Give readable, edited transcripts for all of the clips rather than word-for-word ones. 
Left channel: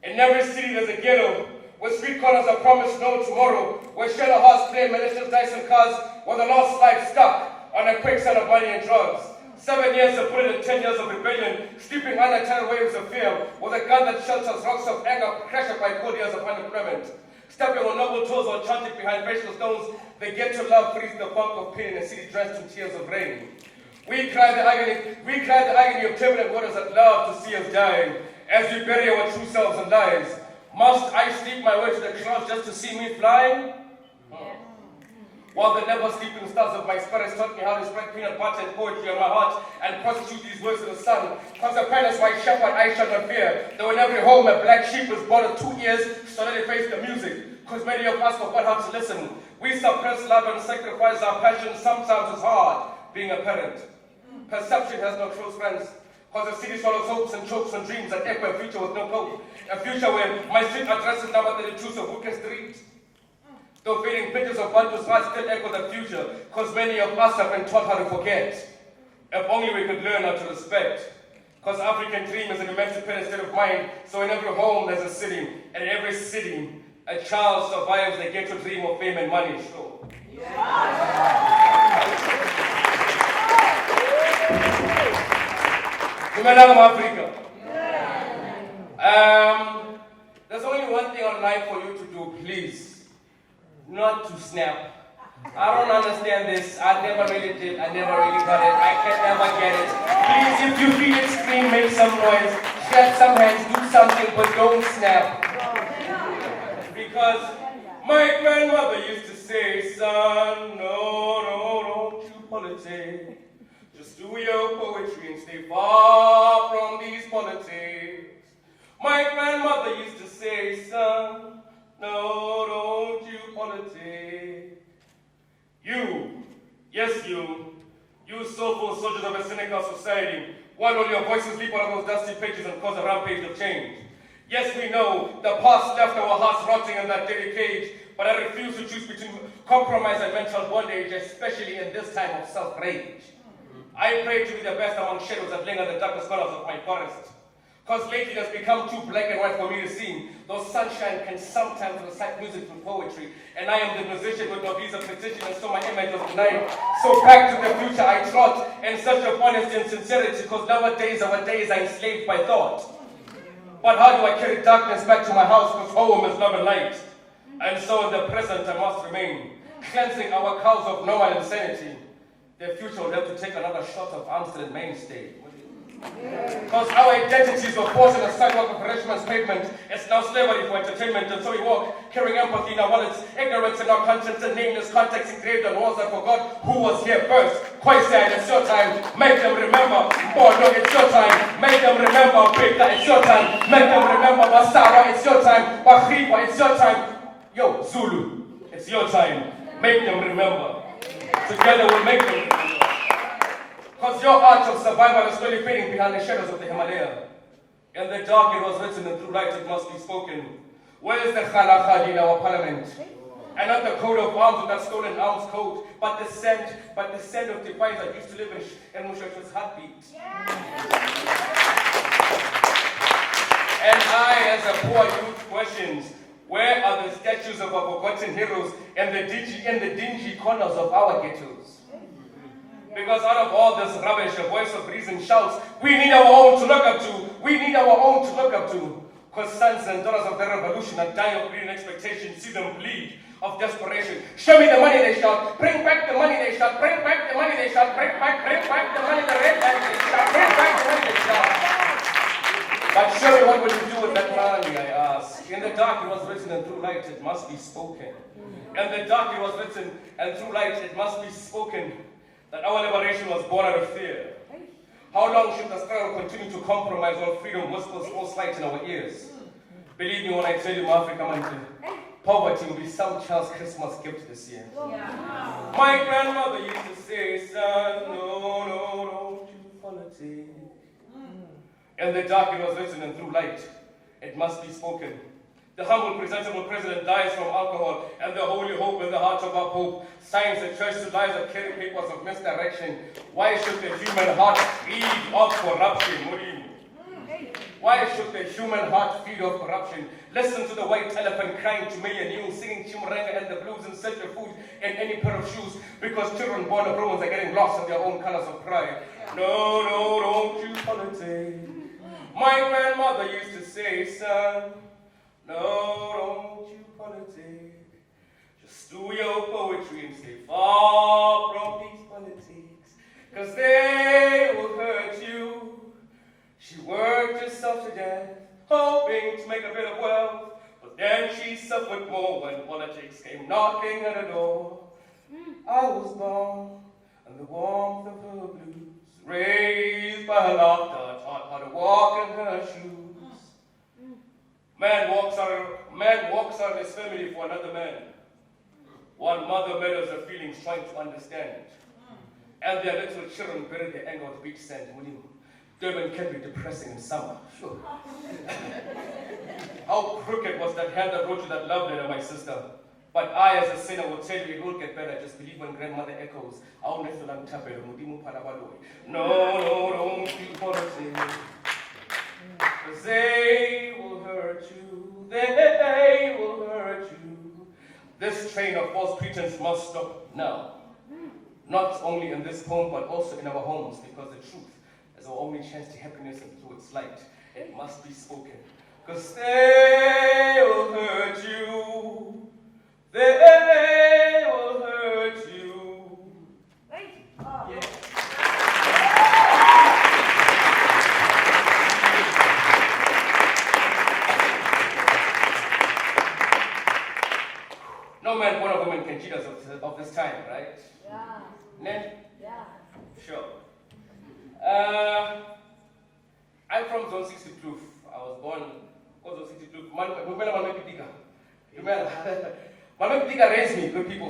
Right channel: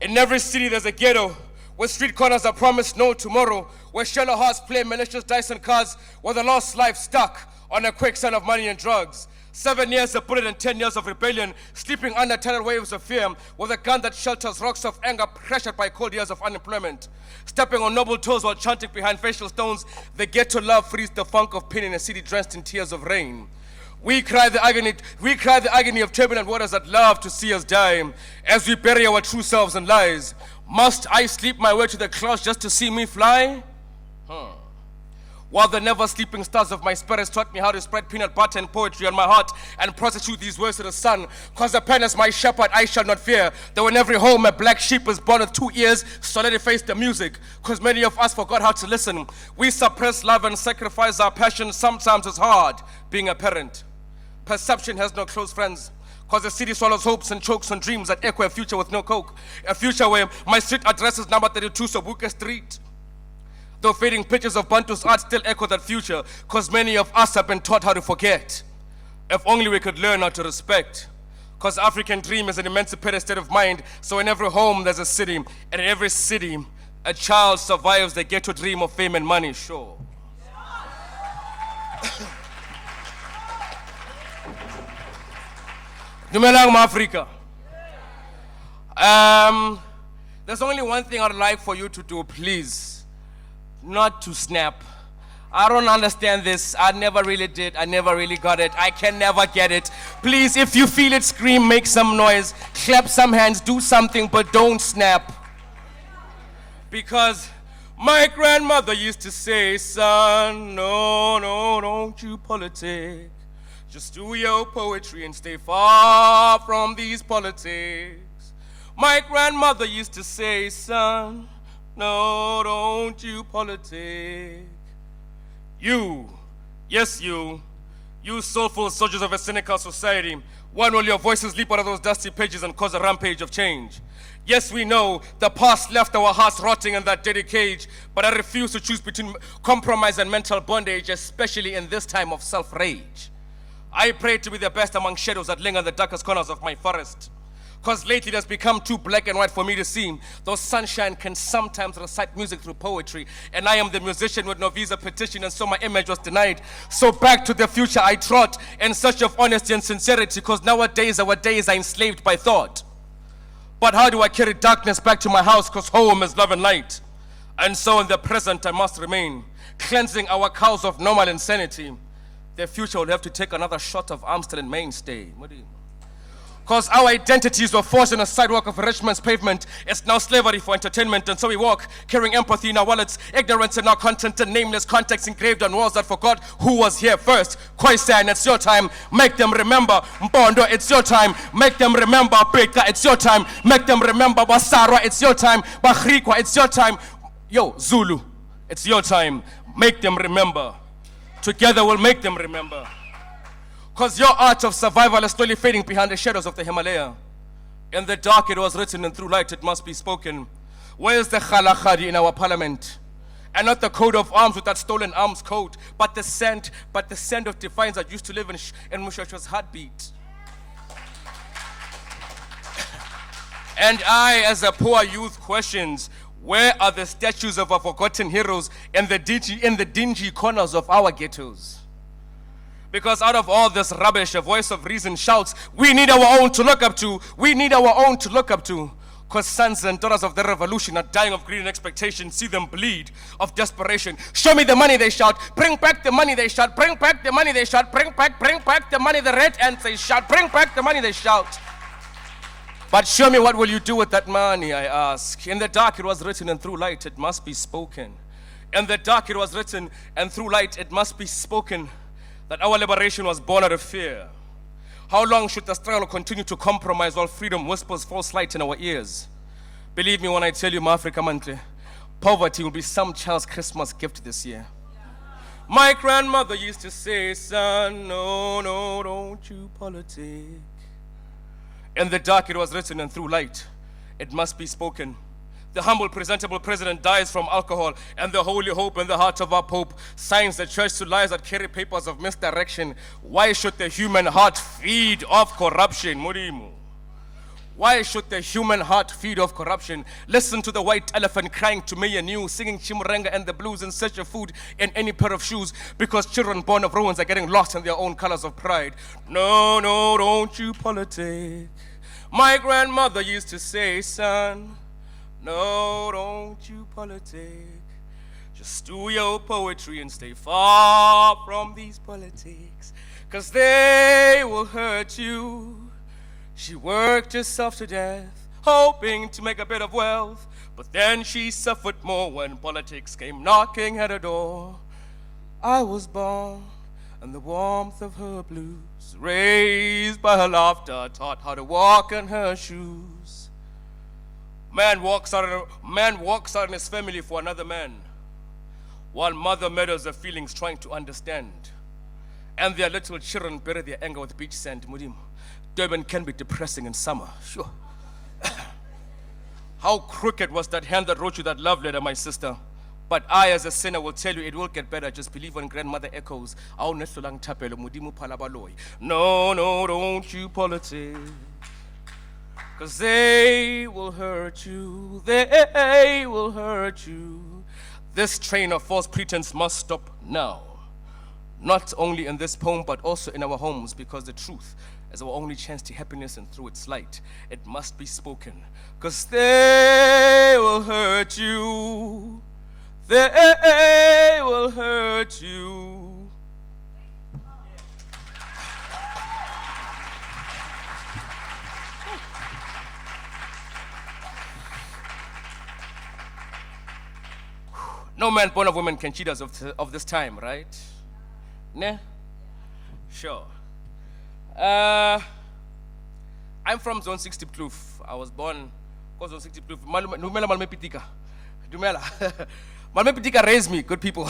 In every city there's a ghetto, where street corners are promised no tomorrow, where shallow hearts play malicious dice and cards, where the lost life stuck on a quicksand of money and drugs. 7 years of bullet and 10 years of rebellion, sleeping under tidal waves of fear, with a gun that shelters rocks of anger pressured by cold years of unemployment. Stepping on noble toes while chanting behind facial stones, the ghetto love frees the funk of pain in a city drenched in tears of rain. We cry the agony of turbulent waters that love to see us die, as we bury our true selves in lies. Must I sleep my way to the clouds just to see me fly? While the never sleeping stars of my spirit taught me how to spread peanut butter and poetry on my heart and prosecute these words to the sun. Cause the pen is my shepherd, I shall not fear. Though in every home a black sheep is born with 2 ears, so let it face the music. Cause many of us forgot how to listen. We suppress love and sacrifice our passion. Sometimes it's hard being a parent. Perception has no close friends. Cause the city swallows hopes and chokes on dreams that echo a future with no coke. A future where my street address is number 32 Soweto Street. Though fading pictures of Bantu's art still echo that future, cause many of us have been taught how to forget. If only we could learn how to respect. Cause the African dream is an emancipated state of mind, so in every home there's a city, and in every city, a child survives the ghetto dream of fame and money, sure. Dumelang Africa. There's only one thing I'd like for you to do, please. Not to snap. I don't understand this. I never really did. I never really got it. I can never get it. Please, if you feel it, scream, make some noise, clap some hands, do something, but don't snap. Because my grandmother used to say, son, no, don't you politic. Just do your poetry and stay far from these politics. My grandmother used to say, son, no, don't you politic. You, yes you soulful soldiers of a cynical society, when will your voices leap out of those dusty pages and cause a rampage of change? Yes, we know the past left our hearts rotting in that dirty cage, but I refuse to choose between compromise and mental bondage, especially in this time of self-rage. I pray to be the best among shadows that linger in the darkest corners of my forest. Cause lately it has become too black and white for me to see. Though sunshine can sometimes recite music through poetry, and I am the musician with no visa petition, and so my image was denied. So back to the future I trot, in search of honesty and sincerity, cause nowadays our days are enslaved by thought. But how do I carry darkness back to my house, cause home is love and light? And so in the present I must remain, cleansing our cows of normal insanity. The future will have to take another shot of Amstel and mainstay. Because our identities were forced in a sidewalk of Richmond's pavement. It's now slavery for entertainment, and so we walk, carrying empathy in our wallets, ignorance in our content, and nameless contexts engraved on walls that forgot who was here first. Khoisan, it's your time, make them remember. Mpondo, it's your time, make them remember. Beka, it's your time, make them remember. Basara, it's your time. Bahrikwa, it's your time. Yo, Zulu, it's your time, make them remember. Together we'll make them remember. Because your art of survival is slowly fading behind the shadows of the Himalaya. In the dark it was written, and through light it must be spoken. Where's the khalaqadi in our parliament? And not the coat of arms with that stolen arms coat, but the scent of defiance that used to live in Mushasha's heartbeat. And I, as a poor youth, questions, where are the statues of our forgotten heroes in the dingy corners of our ghettos? Because out of all this rubbish, a voice of reason shouts, we need our own to look up to. We need our own to look up to. Because sons and daughters of the revolution are dying of greed and expectation. See them bleed of desperation. Show me the money, they shout. Bring back the money, they shout. Bring back the money, they shout. Bring back the money, the red ants, they shout. Bring back the money, they shout. But show me, what will you do with that money, I ask. In the dark it was written, and through light it must be spoken. In the dark it was written, and through light it must be spoken, that our liberation was born out of fear. How long should the struggle continue to compromise while freedom whispers false light in our ears? Believe me when I tell you, Africa Mante, poverty will be some child's Christmas gift this year. My grandmother used to say, son, no, don't you politic. In the dark it was written, and through light it must be spoken, The humble, presentable president dies from alcohol, and the holy hope in the heart of our Pope signs the church to lies that carry papers of misdirection. Why should the human heart feed off corruption? Murimu. Why should the human heart feed off corruption? Listen to the white elephant crying to me and you, singing Chimuranga and the blues in search of food and any pair of shoes, because children born of ruins are getting lost in their own colors of pride. No, no, don't you politic. My grandmother used to say, son, no, don't you politic. Just do your poetry and stay far from these politics, 'cause they will hurt you. She worked herself to death, hoping to make a bit of wealth, but then she suffered more when politics came knocking at her door. I was born in the warmth of her blues, raised by her laughter, taught how to walk in her shoes. Man walks out in his family for another man, while mother meddles her feelings trying to understand. And their little children bury their anger with beach sand. Mudim. Durban can be depressing in summer, sure. How crooked was that hand that wrote you that love letter, my sister? But I, as a sinner, will tell you it will get better. Just believe when grandmother echoes. No, no, don't you politic. 'Cause they will hurt you. They will hurt you. This train of false pretense must stop now. Not only in this poem, but also in our homes, because the truth is our only chance to happiness, and through its light, it must be spoken. 'Cause they will hurt you. They will hurt you. Yes. No man born of woman can cheat us of this time, right? Yeah. Ne? Yeah. Sure. I'm from Zone 6 Diepkloof. I was born Zone 6 Diepkloof. Dumela Malme Pitika. Dumela. Malme Pitika raised me, good people.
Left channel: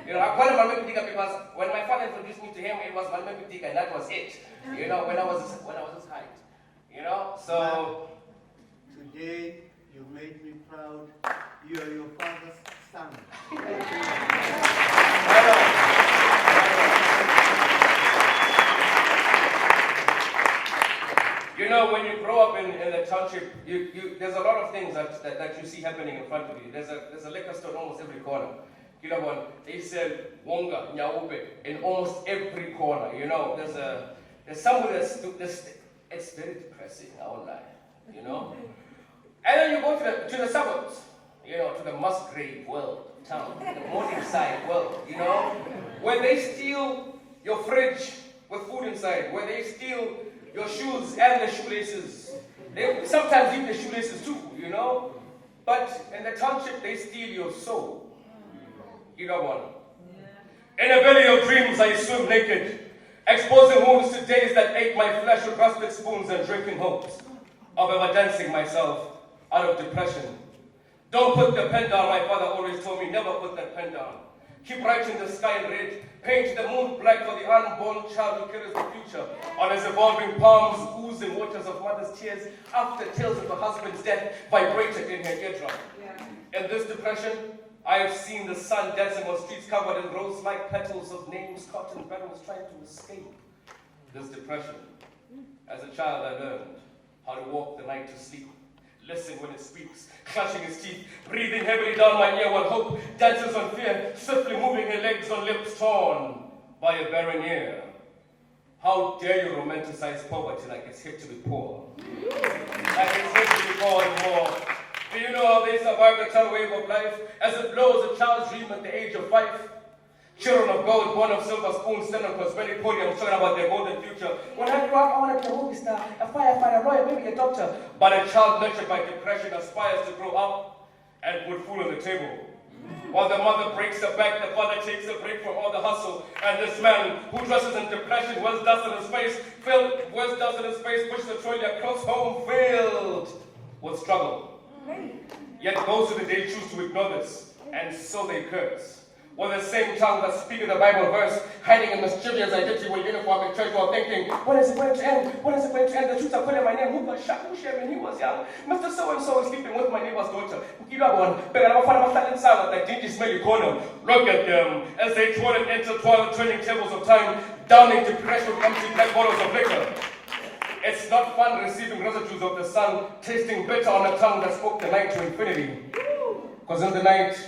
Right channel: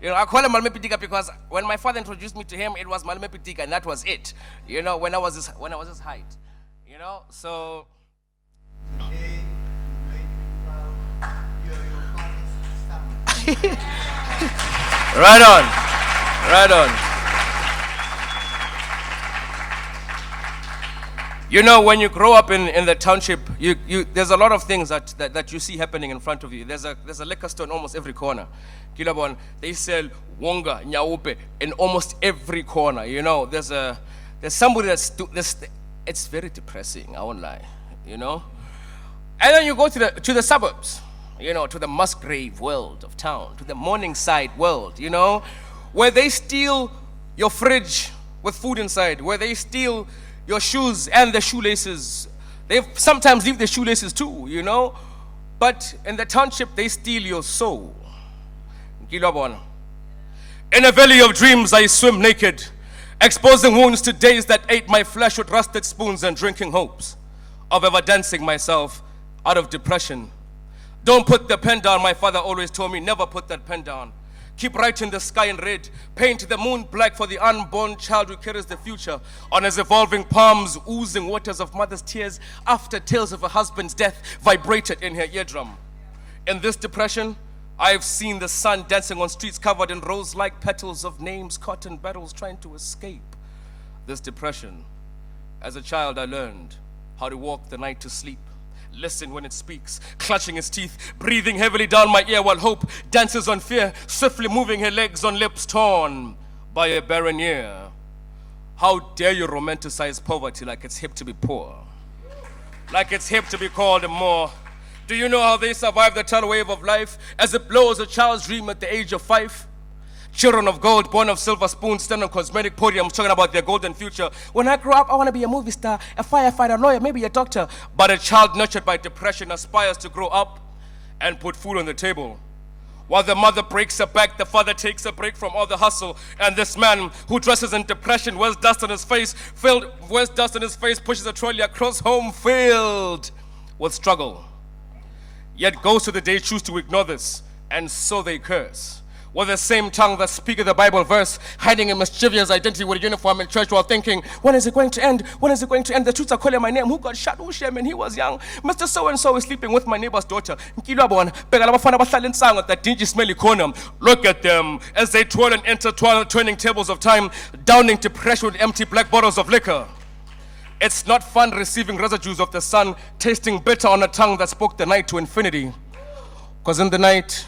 You know, I call him Malme Pitika because when my father introduced me to him, it was Malme Pitika, and that was it. You know, when I was his height. You know, so. Today, you make me proud. You are your father's son. Right on. Right on. You know, when you grow up in the township, there's a lot of things that you see happening in front of you. There's a liquor store in almost every corner. Kilabon, they sell wonga, nyaupe in almost every corner. You know, there's somebody it's very depressing, I won't lie, you know. And then you go to the suburbs, you know, to the Musgrave world of town, to the Morningside world, you know, where they steal your fridge with food inside, where they steal your shoes and the shoelaces. They sometimes leave the shoelaces too, you know. But in the township, they steal your soul. In a valley of dreams, I swim naked, exposing wounds to days that ate my flesh with rusted spoons and drinking hopes of ever dancing myself out of depression. Don't put the pen down, my father always told me, never put that pen down. Keep writing the sky in red, paint the moon black for the unborn child who carries the future on his evolving palms, oozing waters of mother's tears after tales of a husband's death vibrated in her eardrum. Yeah. In this depression, I've seen the sun dancing on streets covered in rose-like petals of names caught in battles trying to escape this depression. As a child, I learned how to walk the night to sleep. Listen when it speaks, clutching its teeth, breathing heavily down my ear while hope dances on fear, swiftly moving her legs on lips torn by a barren year. How dare you romanticize poverty like it's hip to be poor, like it's hip to be called more. Do you know how they survive the tidal wave of life as it blows a child's dream at the age of 5? Children of gold, born of silver spoons, stand on cosmetic podiums talking about their golden future. When I grow up, I want to be a movie star, a firefighter, a lawyer, maybe a doctor. But a child nurtured by depression aspires to grow up and put food on the table. While the mother breaks her back, the father takes a break from all the hustle. And this man who dresses in depression, wears dust on his face, pushes a trolley across home filled with struggle. Yet goes to the day choose to ignore this, and so they curse. With the same tongue that speaketh the Bible verse, hiding a mischievous identity with a uniform in church while thinking, when is it going to end? When is it going to end? The truths are calling my name. Who got shot? Who shame? And he was young. Mr. So-and-so is sleeping with my neighbor's daughter. That dingy, smelly corner. Look at them as they twirl and intertwine, turning tables of time, downing to pressure with empty black bottles of liquor. It's not fun receiving residues of the sun, tasting bitter on a tongue that spoke the night to infinity. Because in the night,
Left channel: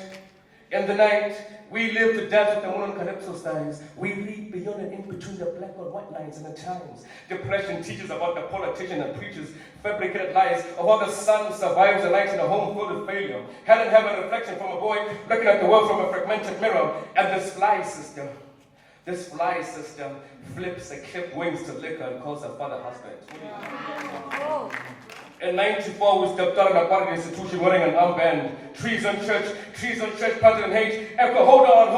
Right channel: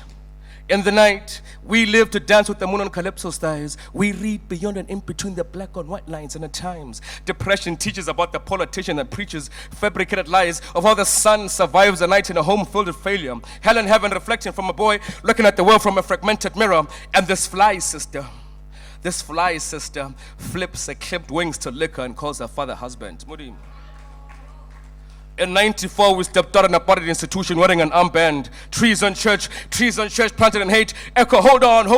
we live to dance with the moon on Calypso's thighs. We read beyond and in between the black and white lines, and at times, depression teaches about the politician that preaches fabricated lies of how the sun survives a night in a home filled with failure. Hell and heaven reflecting from a boy looking at the world from a fragmented mirror. And this fly sister flips her clipped wings to liquor and calls her father husband. In 94, we stepped out in a bodied institution wearing an armband. Trees on church planted in hate. Echo, hold on.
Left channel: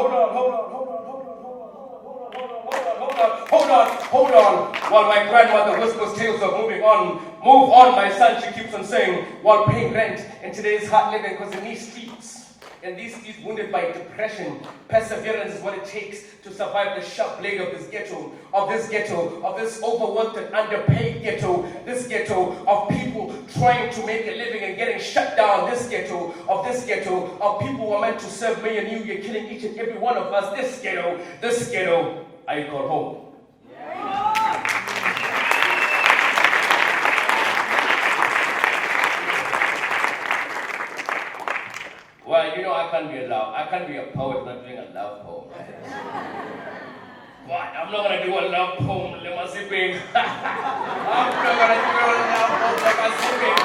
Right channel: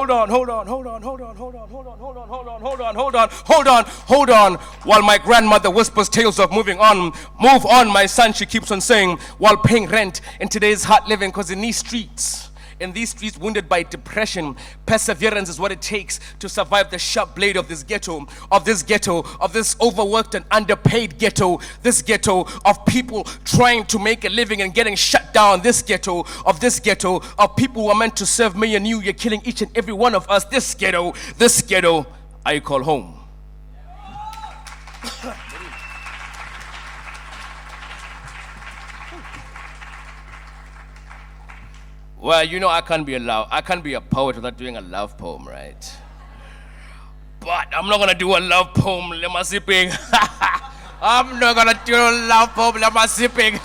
While my grandmother whispers tales of moving on. Move on, my son, she keeps on saying, while paying rent in today's hard living, because in these streets, wounded by depression, perseverance is what it takes to survive the sharp blade of this ghetto, of this overworked and underpaid ghetto, this ghetto of people trying to make a living and getting shut down, this ghetto of people who are meant to serve me and you. You're killing each and every one of us. This ghetto, I call home. Well, you know I can't be a poet without doing a love poem, right? But I'm not gonna do a love poem, lema zipping. I'm not gonna do a love poem, lema zipping.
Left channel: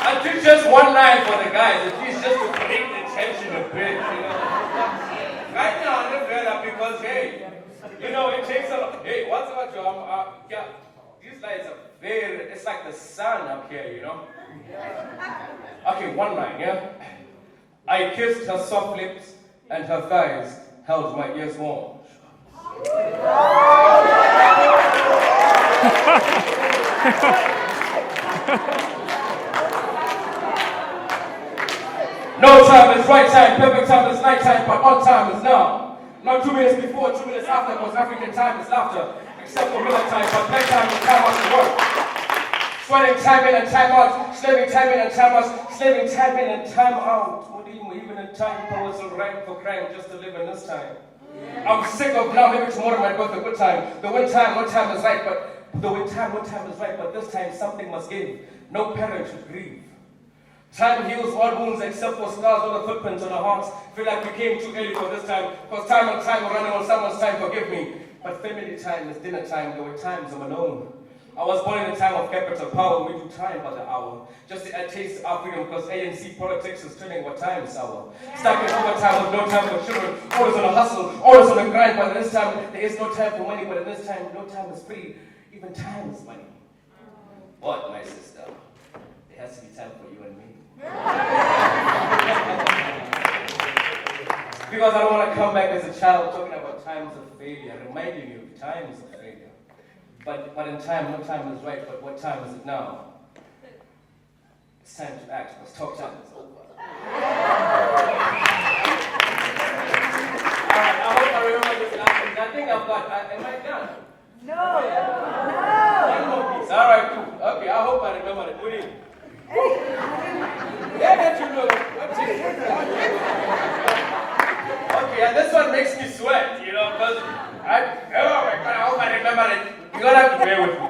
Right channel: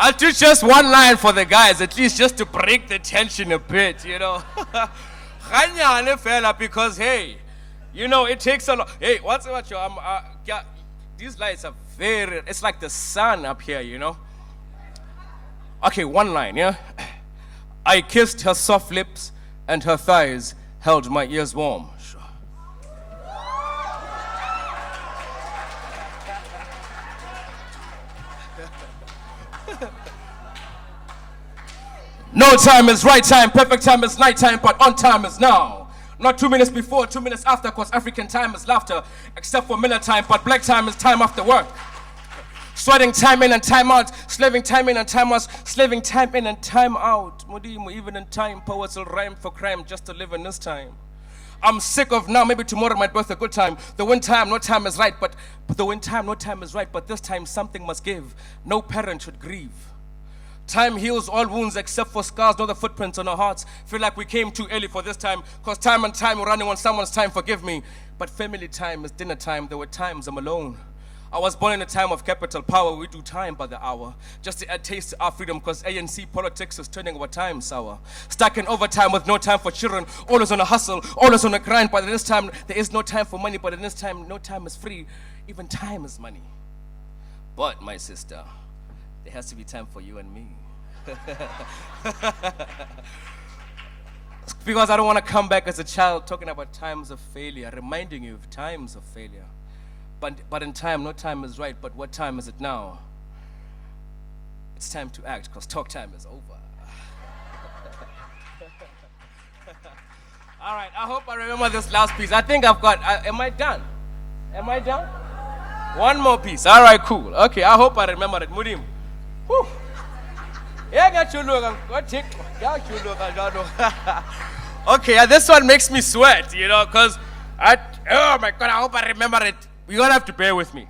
I'll do just one line for the guys, at least just to break the tension a bit, you know. Because hey, you know it takes a lot. Hey, what's about you? Yeah, these lights are it's like the sun up here, you know. Okay, one line, yeah? I kissed her soft lips and her thighs held my ears warm. No time is right time, perfect time is night time, but on time is now. Not 2 minutes before, 2 minutes after, because African time is laughter, except for Miller time, but black time is time after work. Sweating time in and time out, slaving time in and time out, slaving time in and time out. Mudimu, even in time, poets will rhyme for crime just to live in this time. I'm sick of now, maybe tomorrow might worth a good time. The wind time, no time is right, but this time something must give. No parent should grieve. Time heals all wounds except for scars, not the footprints on our hearts. Feel like we came too early for this time, cause time and time running on someone's time, forgive me. But family time is dinner time, there were times I'm alone. I was born in a time of capital power, we do time by the hour. Just to add taste to our freedom, because ANC politics is turning our time sour. Stuck in overtime with no time for children, always on a hustle, always on a grind, but in this time, there is no time for money, but in this time, no time is free. Even time is money. But, my sister, there has to be time for you and me. Because I don't want to come back as a child talking about times of failure, reminding you of times of failure. But in time, no time is right, but what time is it now? It's time to act, because talk time is over. I hope I remember this last piece. I think I've got, am I done? No. Am I done? One more piece. All right, cool. Okay, I hope I remember it. Mudim. Yeah, got you look. Okay, this one makes me sweat, you know, because oh my God, I hope I remember it. You're gonna have to bear with me.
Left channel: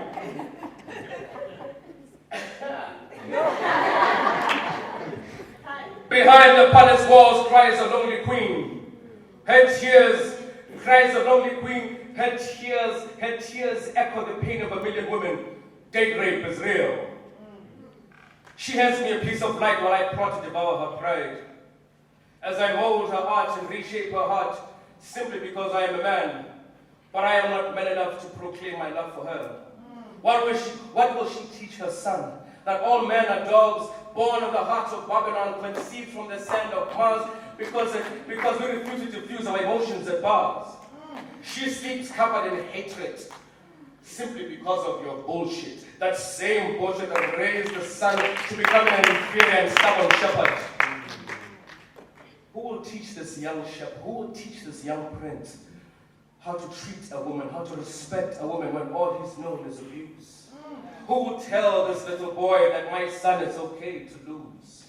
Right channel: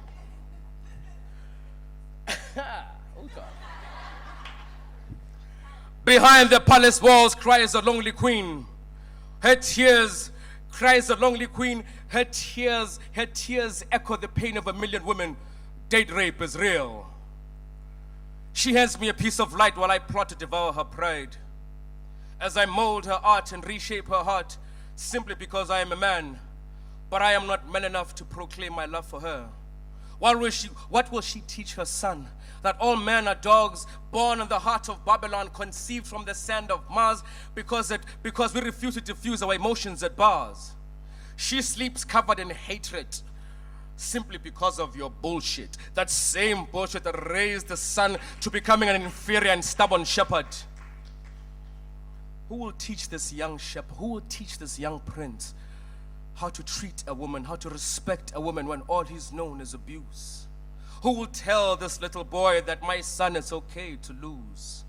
Behind the palace walls cries a lonely queen. Her tears cries a lonely queen. Her tears echo the pain of a million women. Date rape is real. She hands me a piece of light while I plot to devour her pride. As I mold her art and reshape her heart, simply because I am a man. But I am not man enough to proclaim my love for her. What will she teach her son? That all men are dogs, born in the heart of Babylon, conceived from the sand of Mars, because we refuse to diffuse our emotions at bars. She sleeps covered in hatred, simply because of your bullshit. That same bullshit that raised the son to becoming an inferior and stubborn shepherd. Who will teach this young shepherd, who will teach this young prince how to treat a woman, how to respect a woman when all he's known is abuse? Who will tell this little boy that my son is okay to lose?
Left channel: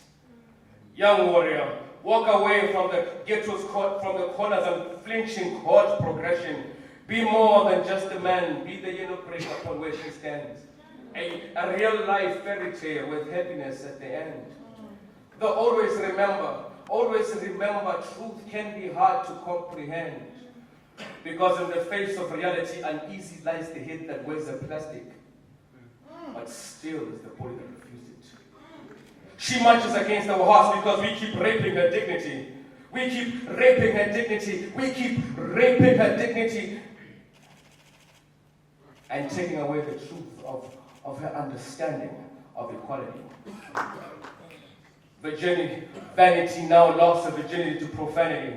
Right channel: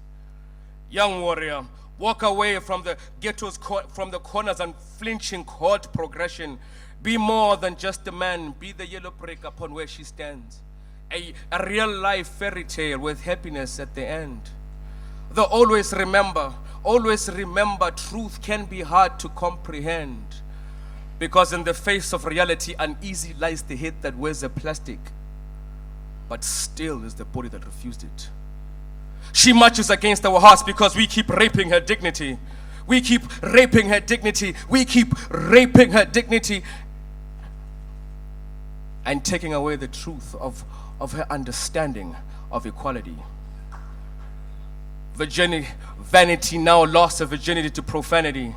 Young warrior, walk away from the ghetto's from the corners and flinching horde progression. Be more than just a man, be the yellow brick upon where she stands. A real life fairy tale with happiness at the end. Though always remember, truth can be hard to comprehend. Because in the face of reality, uneasy lies the head that wears a plastic, but still is the body that refused it. She marches against our hearts because we keep raping her dignity. We keep raping her dignity. We keep raping her dignity and taking away the truth of her understanding of equality. Vanity now lost her virginity to profanity.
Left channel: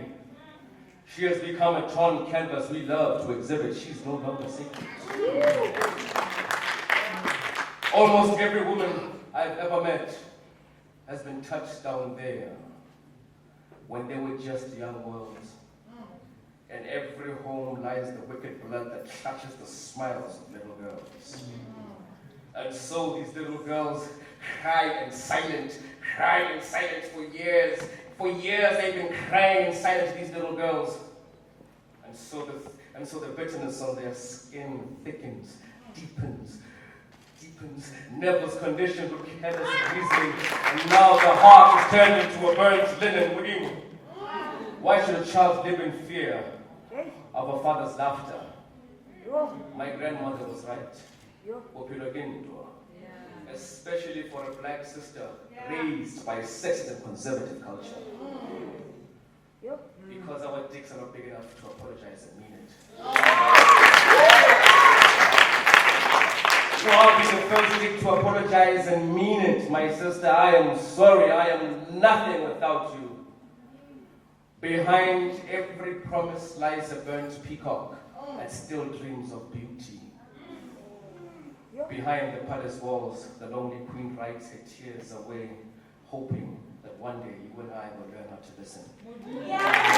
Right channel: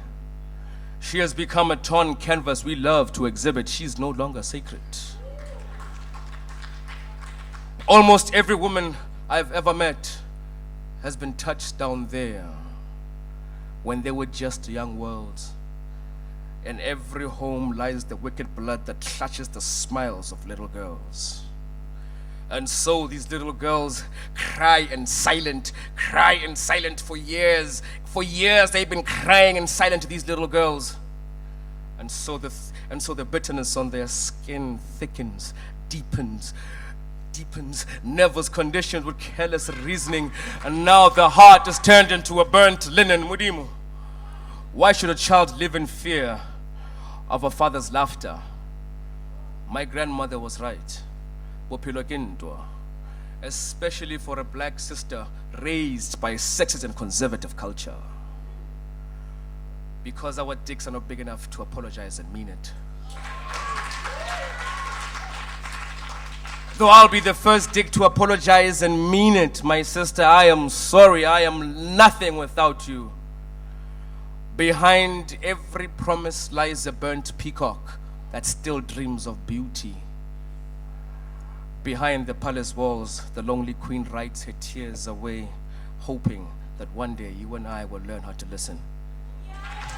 She has become a torn canvas we love to exhibit. She is no longer sacred. Almost every woman I've ever met has been touched down there when they were just young worlds. In every home lies the wicked blood that clutches the smiles of little girls. And so these little girls cry in silent for years. For years they've been crying in silence, these little girls. And so the bitterness on their skin thickens, deepens, nervous conditioned with careless reasoning, and now the heart is turned into a burnt linen. Mudimu. Why should a child live in fear of a father's laughter? My grandmother was right. Especially for a black sister raised by sexist and conservative culture. Because our dicks are not big enough to apologize and mean it. So I'll be the first dick to apologize and mean it. My sister, I am sorry. I am nothing without you. Behind every promise lies a burnt peacock that still dreams of beauty. Behind the palace walls, the lonely queen writes her tears away, hoping that one day you and I will learn how to listen. Yeah.